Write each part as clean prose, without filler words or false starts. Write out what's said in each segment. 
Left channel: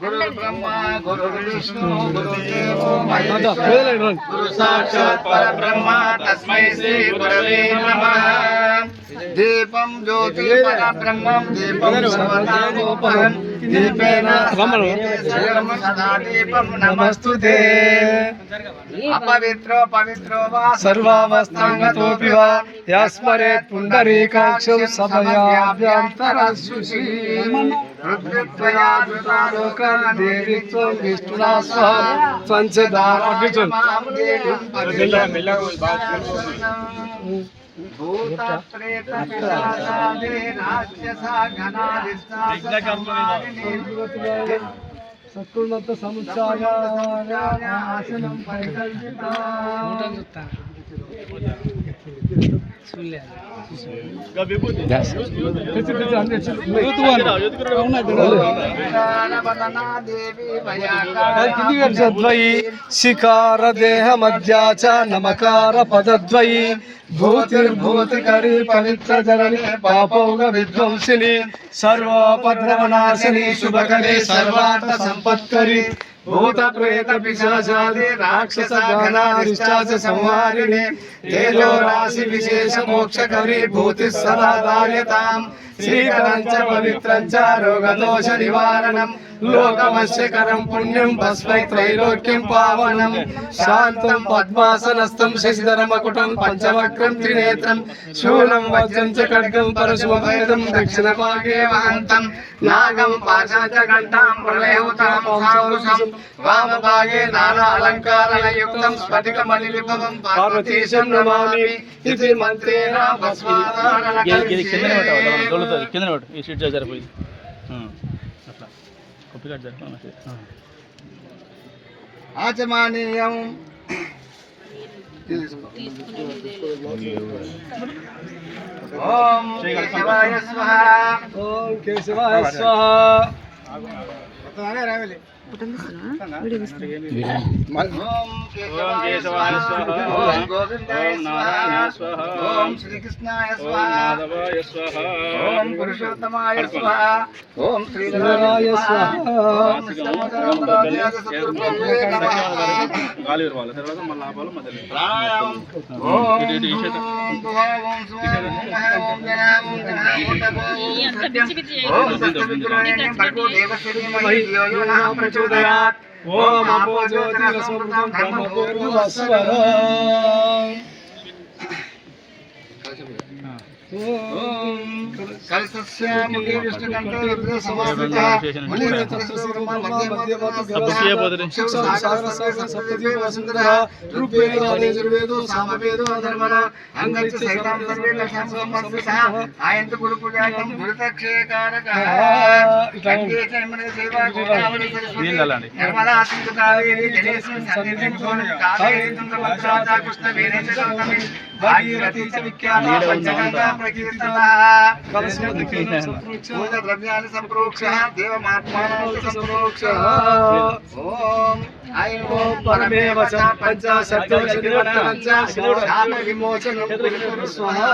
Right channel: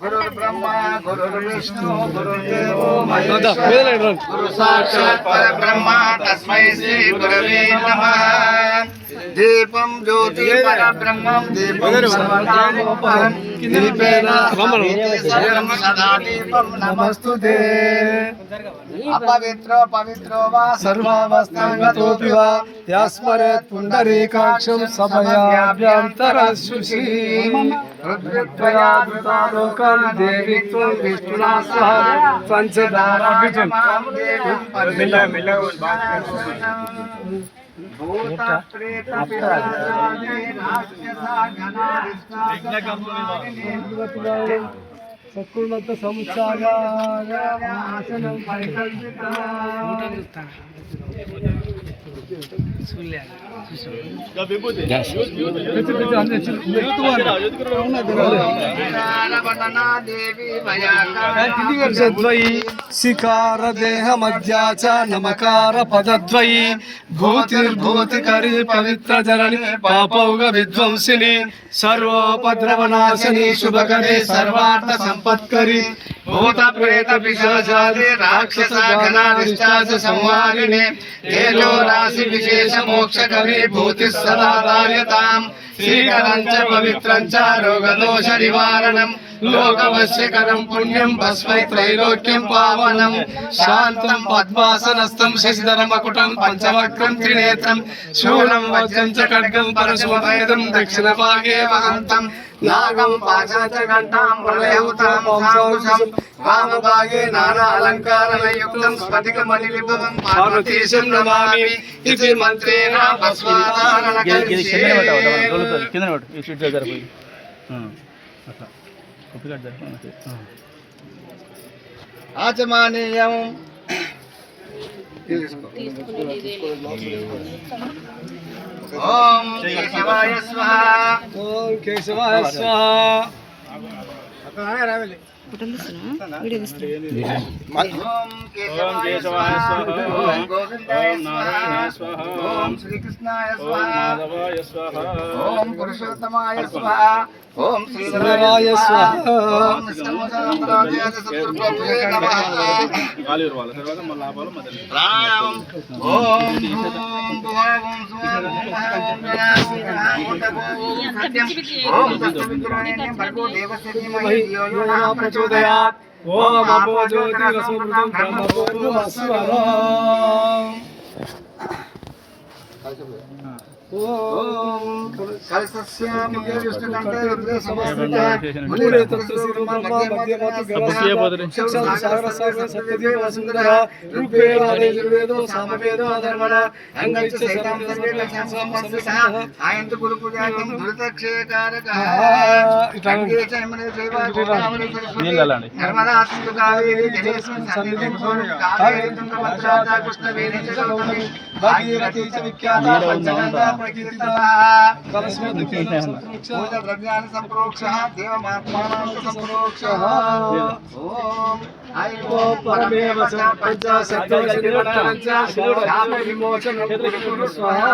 गुरु ब्रह्मा गुरु विष्णु गुरुदेवो महेश्वरः गुरु साक्षात् परब्रह्म तस्मै श्री गुरवे नमः। दीपं ज्योति परब्रह्मं दीपं सर्वकामोपहं दीपेन सर्वं सदा दीपं नमस्तुते। अपवित्रो पवित्रो वा सर्वावस्थांगतोऽपि वा यस्मरेत् पुण्डरीकाक्षं सभयाभ्यन्तरशुचि रुद्रत्वया धृतालोकं देवी त्वं विष्णुना सह त्वञ्चदारभिजं सत्कुर्मत समुच्चागासनं शिकार देह मध्या च नमकार पदद्वयी भूतिर्भूतिकरी पवित्र जननी पापौग विध्वंसिनी सर्वोपद्रवनाशिनी शुभकरी सर्वार्थ संपत्करी भूत प्रेत पिशाचादि राक्षस गणाधिष्ठाच संहारिणे तेजो राशि विशेष मोक्ष करी भूति सदा धार्यताम् श्रीकरं च पवित्रं च रोगदोष निवारणं लोकवश्यकरं पुण्यं भस्मै त्रैलोक्यं पावनं शान्तं पद्मासनस्थं शशिधरं मकुटं पंचवक्त्रं त्रिनेत्रं शूलं वज्रं च खड्गं परशुभेदं दक्षिणभागे वहन्तं नागं पाशं च घण्टां प्रलयहुतां मुखाकुशं वामभागे नानालङ्कारयुक्तं स्फटिकमणिलिपितं पार्वतीशं नमामि इति मन्त्रेण भस्माधारणं కింద పట్టు ఈ షీట్ జరిపోయి అట్లా కాపీ కట్ జరిపి ఆచమానీయం ఓం కేశవాయ స్వాహ ఓం కేశవాయ స్వాహ వీడియో ఓం కేశవాయ స్వాహ ఓం గోవిందాయ స్వాహ ఓం శ్రీకృష్ణాయ స్వాహ మాధవాయ స్వాహ ఓం పురుషోత్తమాయ స్వాహ ఓం శ్రీధరాయ స్వాహ ఓం గాలి ఇవ్వాలి తర్వాత మళ్ళీ లాభాలు మొదలు ప్రాణాయామం ఓం భువాం స్వాహ ఓం ఓం సత్యవిగ్రహేణ భగవో దేవస్య ధీమహి ధియో యో నః ప్రచోదయాత్ ఓం అపో జ్యోతిరసమృతం బ్రహ్మపూర్ణమస్వరం ఓం కలసస్యాముఖే విష్ణుకంఠే హృదయ సమస్థితః మునిరేతస్య శిరమ మధ్య సప్తదేవ వసుంధరః ఋగ్వేద యజుర్వేదో సామవేదో అధర్వణ అంగలిచ్చ సైతం సర్వే లక్షణం సంపన్నః ఆయంతు గురు పూజాకం దురితక్షయకారకః గంగే చైమనే సేవా గోదావరి సరస్వతి నర్మదా సింధు కావేరీ జలేస్మిన్ సన్నిధిం కావేరీ తుంగభద్రా చ కృష్ణవేణి చ గౌతమి భాగీరథీ చ విఖ్యాత పంచగంగా ప్రకీర్తితః ద్రవ్యాన్ని సంప్రోక్షః దేవమాత్మానం సంప్రోక్షః ఓం ఐం పరమేవ చ పంచాశత్యోషినివర్తనం విమోచనం కురు స్వాహా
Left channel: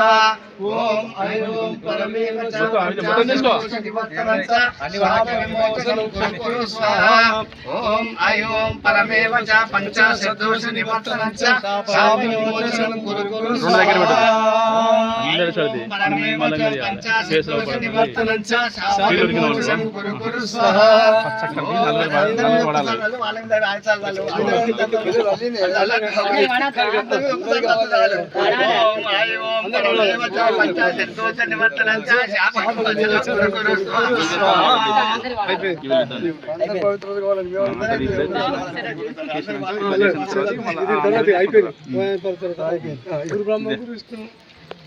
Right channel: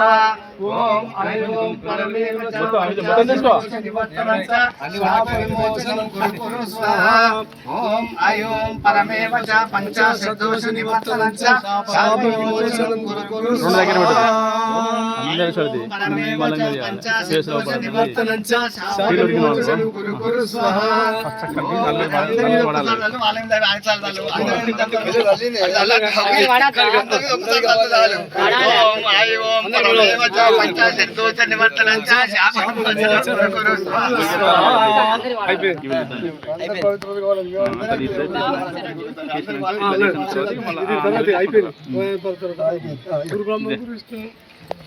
ఓం ఐం పరమేవ చ పంచాశత్యోషినివర్తనం విమోచనం కురు స్వాహా ఓం ఐం పరమేవ చ పంచాశత్యోషినివర్తనం విమోచనం కురు స్వాహా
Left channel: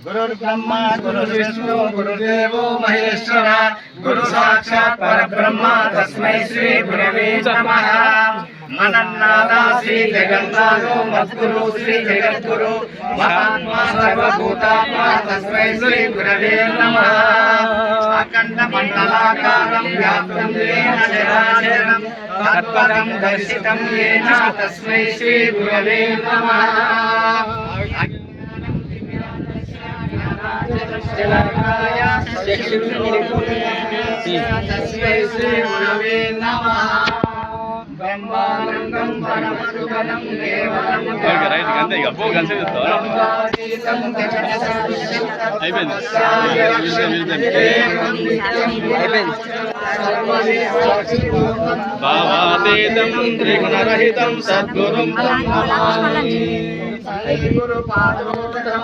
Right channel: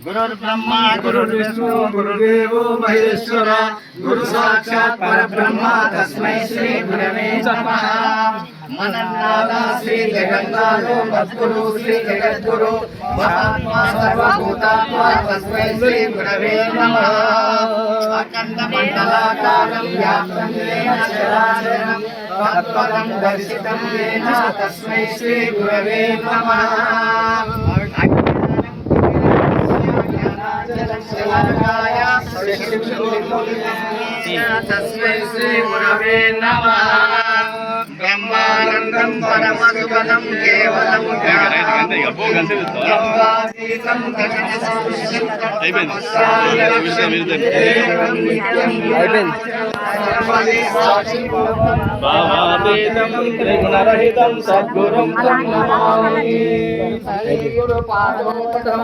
गुरुर् ब्रह्मा गुरुर्विष्णु गुरुदेवो महेश्वरः गुरु साक्षात् परब्रह्म तस्मै श्री गुरवे नमः। మనన్నాథ శ్రీ జగన్నాథో మద్గురు శ్రీ జగద్గురు మహాత్మా సర్వభూతాత్మా తస్మై శ్రీ గురవే నమః అఖండ మండలాకారం వ్యాప్తం ఏన చరాచరం తత్పదం దర్శితం ఏన తస్మై శ్రీ గురవే నమః తస్మై శ్రీ గురవే నమః బ్రహ్మానందం పరమసుఖదం కేవలం బ్రహ్మాతీతం భావాతీతం త్రిగుణరహితం సద్గురుం తం నమామి. గురు పాదోదకం